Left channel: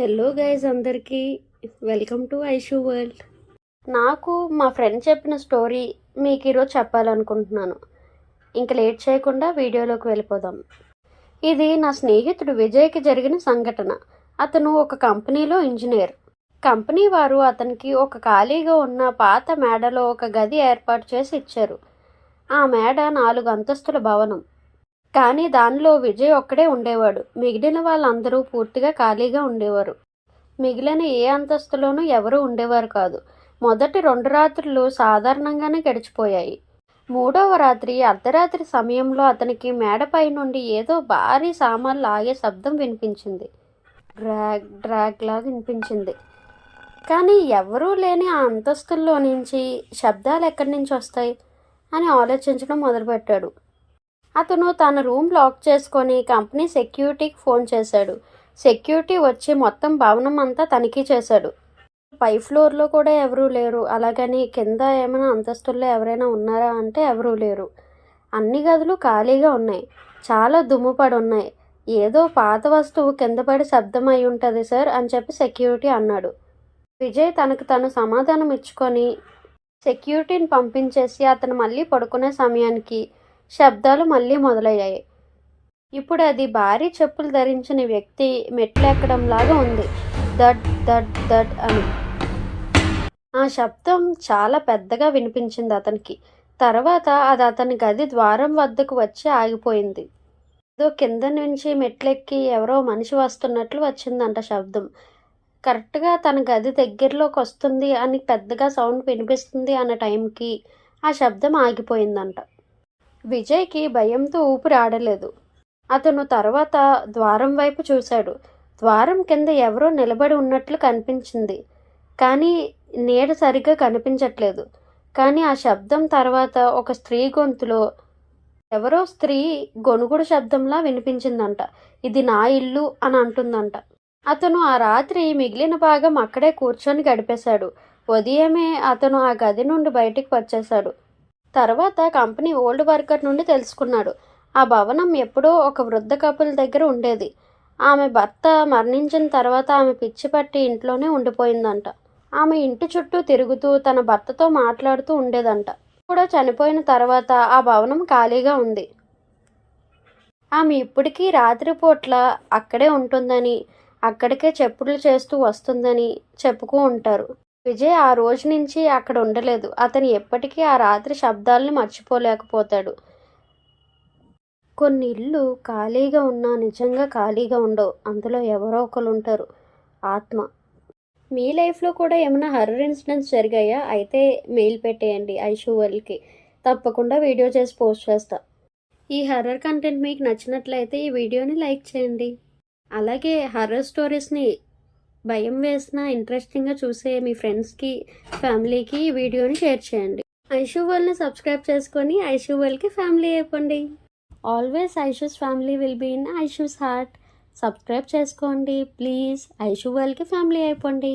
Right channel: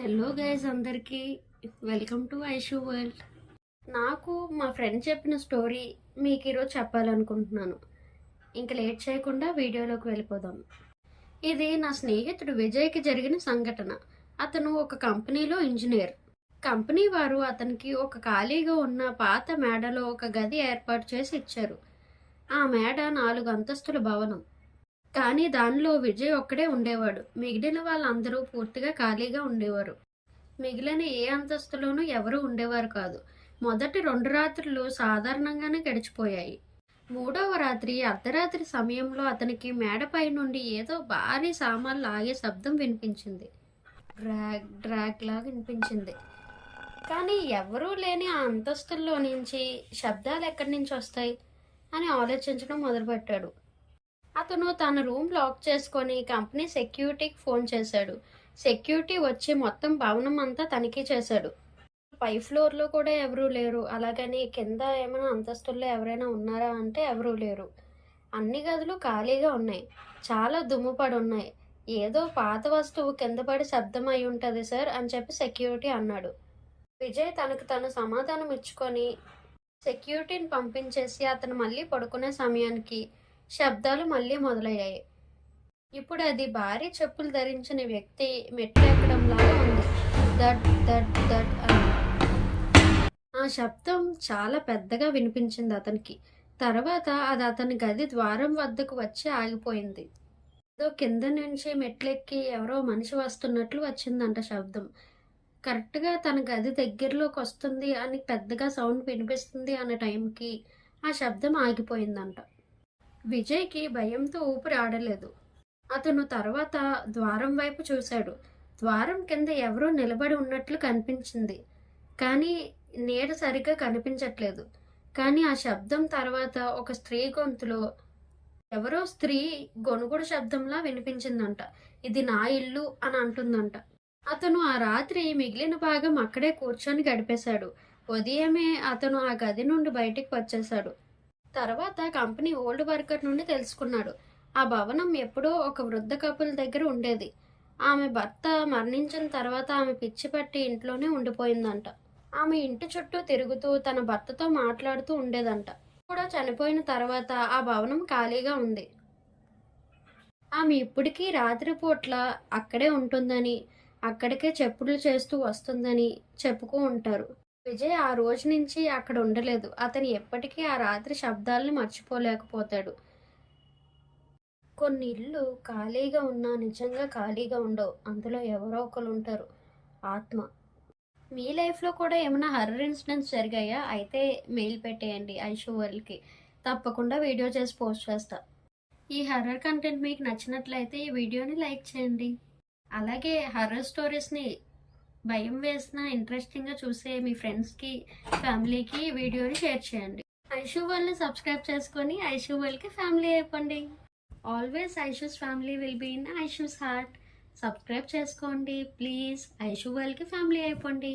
Hello guys, అందరికీ welcome to Aishu world. నాకు మా ఫ్రెండ్ చెప్పిన స్టోరీ మీకు ఈరోజు చెప్పాలనుకుంటున్నాను. ఇంకా లేట్ చేయకుండా వీడియోలోకి వెళ్ళిపోదాం. ఇది నా స్నేహితుడు విజయ్కి జరిగిన సంఘటన. అతను ఒక కంపెనీలో ఇంజనీర్. కంపెనీ వారు అతనికి ఒక ఖాళీగా ఉన్న పాత మేడలో ఒక గది ఏర్పాటు చేసి ఇచ్చారు. ఆ మేడ 4 అంతస్తుల భవనం. కానీ దానిలో విజయ్ ఒక్కడే ఉండేవాడు. మిగిలిన వాళ్ళందరూ పూర్తిగా ఖాళీగా ఉండేవారు. మిగిలిన ఏ అంతస్తులోనూ ఎవరూ ఉండేవారు కాదు. మొదటి 2 రాత్రులు సాధారణంగానే గడిచిపోయాయి. 3వ రాత్రి అర్ధరాత్రి సమయంలో అతనికి మేడపై నుండి ఏదో భారీ సామాన్లు ఆగే శబ్దం వినిపించింది. డ్రాగ్ డ్రాగ్ లాగా వినిపించింది. కానీ ఎవరూ లేని ఆ అంతస్తుల్లో నుంచి శబ్దాలు ఎక్కడి నుంచి వస్తాయి అని ఆలోచించడం మొదలుపెట్టాడు. అతను తన రూమ్ లాక్ చేసుకొని కంపెనీ సెక్యూరిటీకి ఫోన్ చేశాడు. సెక్యూరిటీ వచ్చి మొత్తం భవనం అంతా తనిఖీ చేశాడు. పై ఫ్లోర్లో కూడా ఎవరూ లేరు. అలాగని కింద ఏమైనా అంతస్తుల్లో ఎవరైనా ఉన్నారా అంటే ఎవరూ లేరు. అన్ని గదులు ఖాళీగా ఉన్నాయి. చాలా దుమ్ము పడి ఉన్నాయి. ఏదో పాత వస్తువు కింద పడి శబ్దం అయి ఉంటుంది సార్ అని చెప్పి సెక్యూరిటీ అన్నాడు. విజయ్ తనకు తను సమాధానం ఇచ్చుకొని సెక్యూరిటీని పంపించేసి అతను మళ్ళీ పడుకునే సమయానికి శబ్దాలు మళ్ళీ మొదలయ్యాయి. ఇప్పుడు అది భారీ చెప్పులు ధరించిన వ్యక్తి మెట్లెక్కడంలాగా ఉంది. దడ్ దడ్ దడ్ అని ఆ శబ్దం చాలా పెద్దగా వినిపించింది అతనికి. తర్వాత అది అతని గది ద్వారం వద్దకు వచ్చి ఆగిపోయింది. ఏదో కింద నుంచి మెట్లెక్కి ఎవరో మనిషి వస్తున్నట్లు వచ్చిందంట శబ్దం. కరెక్ట్గా తన గది దగ్గరలోకి వస్తుంది అని పెద్దగా సౌండ్ వినిపిస్తుంది అన్న టైంకి ఆ శబ్దం ఆగిపోయిందంట. విజయ్కి భయంతో ఊపిరి ఆడలేదు. అతను తర్వాత ద్వారం వైపు చూశాడు. ద్వారం కింద ఎవరో నిలబడి ఉన్నట్లు కనిపించింది. కానీ నీడ సరిగ్గా కనిపించట్లేదు. కానీ ఆ శబ్దం తర్వాత ఒక స్త్రీ గొంతులో ఎవరో స్త్రీ గొనుగుడు శబ్దంలా వినిపించిందంట. ఇది నా ఇల్లు అని అంటుందంట. అతను ఆ రాత్రి మిగిలిన భాగం అక్కడే కూర్చొని గడిపేశాడు. ఉదయమే అతను ఆ గది నుండి బయటికి వచ్చేశాడు. తర్వాత కంపెనీ ఓల్డ్ వర్కర్ నుండి తెలుసుకున్నాడు. ఆ భవనం ఎప్పుడో ఒక వృద్ధ కపుల్ దగ్గర ఉండేది. ఆమె భర్త మరణించిన తర్వాత ఆమె పిచ్చి పట్టి ఇంట్లోనే ఉండిపోయిందంట. ఆమె ఇంటి చుట్టూ తిరుగుతూ తన భర్తతో మాట్లాడుతూ ఉండేదంట. కూడా చనిపోయిన తర్వాత ఆ భవనం ఖాళీగా ఉంది. ఆమె ఇప్పటికీ రాత్రిపూట్ల అక్కడే ఉంటుందని, అక్కడికే చెప్పులు చేస్తూ వస్తుందని చెప్పుతూ ఉంటారు. విజయ్ ఆ రోజు నుంచి అక్కడ ఉండలేదు. అతను ఎప్పటికీ ఆ రాత్రి శబ్దాలను మర్చిపోలేకపోతాడు. కొన్ని ఇళ్ళు ఖాళీగా ఉన్నా నిజంగా ఖాళీగా ఉండవు. అందులో ఎవరో ఒకరు ఉంటారు. ఆత్మ. మీ లైఫ్లో కూడా ఏమైనా హర్రర్ ఇన్సిడెంట్స్ జరిగాయా? అయితే మెయిల్ పెట్టేయండి ఐషు వరల్డ్కి. తప్పకుండా వీడియో చేసి పోస్ట్ చేస్తా. ఈ హర్రర్ కంటెంట్ మీకు నచ్చినట్లయితే ఈ వీడియోని లైక్ చేయండి. అలాగే హర్రర్ స్టోరీస్ని భయం వేసిన ఇంట్రెస్టింగ్గా చూసే మీ ఫ్రెండ్స్కి, ఫ్యామిలీకి ఈ వీడియోని షేర్ చేయండి. ఐషు వరల్డ్ని సబ్స్క్రైబ్ చేసుకొని ఐషు వరల్డ్కి ఫ్యామిలీ అయిపోండి. Always Aishu's family will be in Aishu's heart. Subscribe చేసుకోండి ప్లీజ్. ఐషు వరల్డ్కి ఫ్యామిలీ అయిపోండి.